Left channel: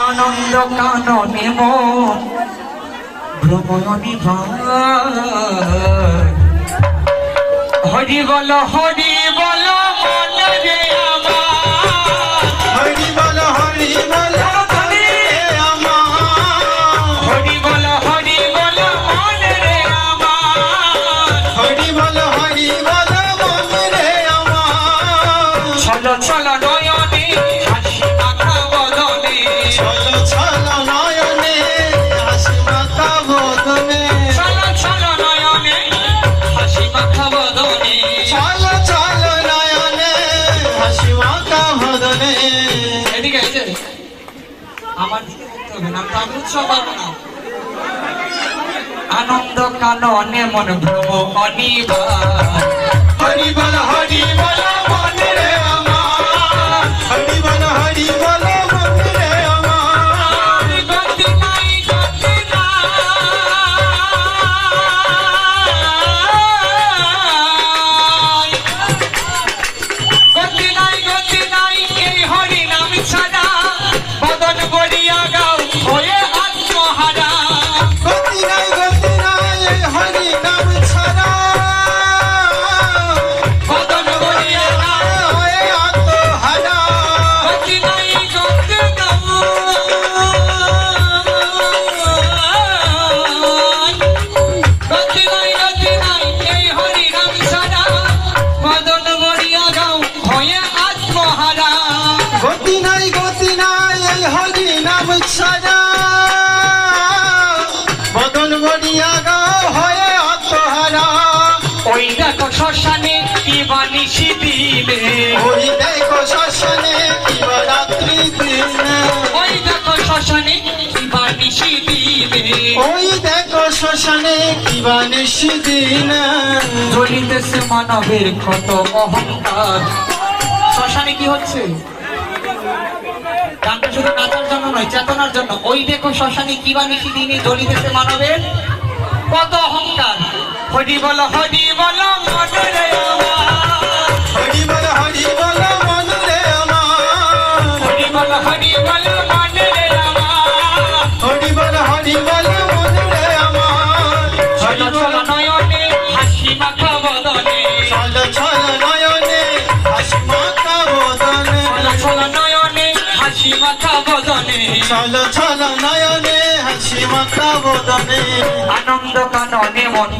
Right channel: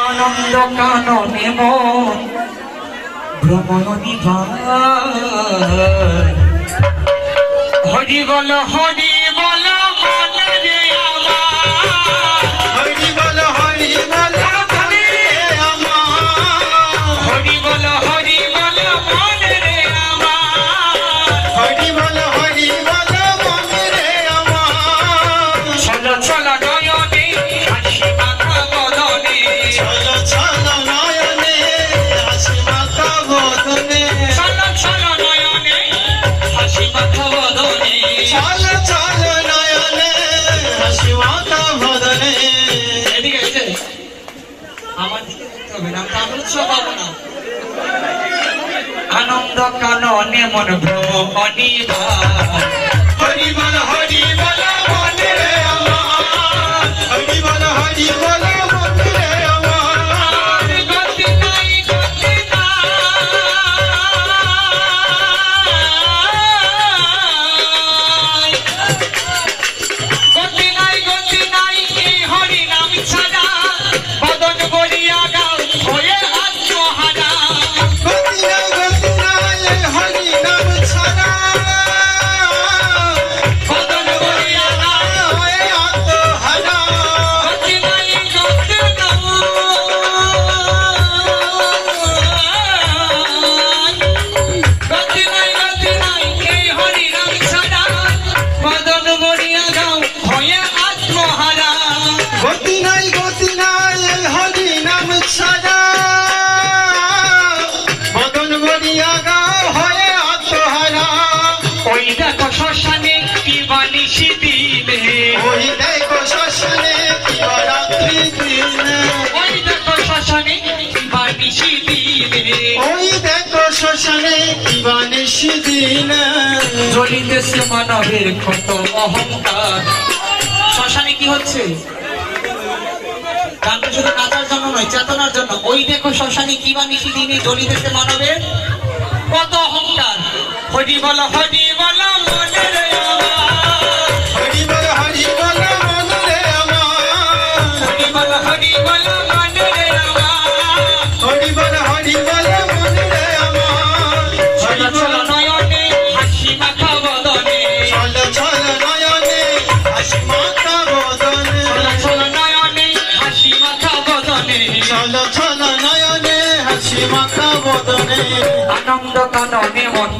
আনন্দ কাননে মন ভ্রমণী ভাই হরি বল হরি বল মন রে আমার হরি বল হরি বল মনে আমার হরি বল হরি বল মন রে আমার হরি বল হরি বল মনে আমার চলো চলো নয়নে হাসি মাখা বদনে চলো চলো নয়নে হাসি মাখা বদনে চলো চলো নয়নে হাসি মাখা বদনে চলো চলো নয়নে হাসি মাখা বদনে এদিকে এসে আমার দিকে দেখতে হবে না আমি উৎসব পাবো না আনন্দ কাননে মন ভ্রমণী ভাই হরি বল হরি বল মনে আমার হরি বল হরি বল মনে আমার গতি নাই গতি নাই গতি নাই গতি নাই এই হরি নাম ছাড়া বদন বলিয়া গাও হয়ে আত্মহারা গতি নাই এই হরি নাম ছাড়া বদন বলিয়া গাও হয়ে আত্মহারা গতি নাই গতি নাই গতি নাই এই হরি নাম ছাড়া বদন বলিয়া গাও হয়ে আত্মহারা গতি নাই এই হরি নাম ছাড়া বদন বলিয়া গাও হয়ে আত্মহারা ওই দেখো শ্মশানে কি বানিসি দিবে ওই দেখো শ্মশানে শিবরাত্রি দিনে ওই দেখো শ্মশানে কি বানিসি দিবে ওই দেখো শ্মশানে শিবনিশি দিনে জ্বলিতেছে মানবের কত অহংকার শ্মশানে কি হচ্ছে গানটা শুধু নাচার জন্য নয় চেতনার জন্য ওই দেখো শ্মশানে কি বানিসি দিনে জ্বলিতেছে মানবের কত অহংকার হরি বল মনে রে আমার হরি বল মনে রে আমার হরি বল মনে রে আমার হরি বল মনে রে আমার চলো চলো নয়নে হাসি মাখা বদনে চলো চলো নয়নে হাসি মাখা বদনে চলো চলো নয়নে হাসি মাখা বদনে চলো চলো নয়নে হাসি মাখা বদনে আনন্দ কাননে মন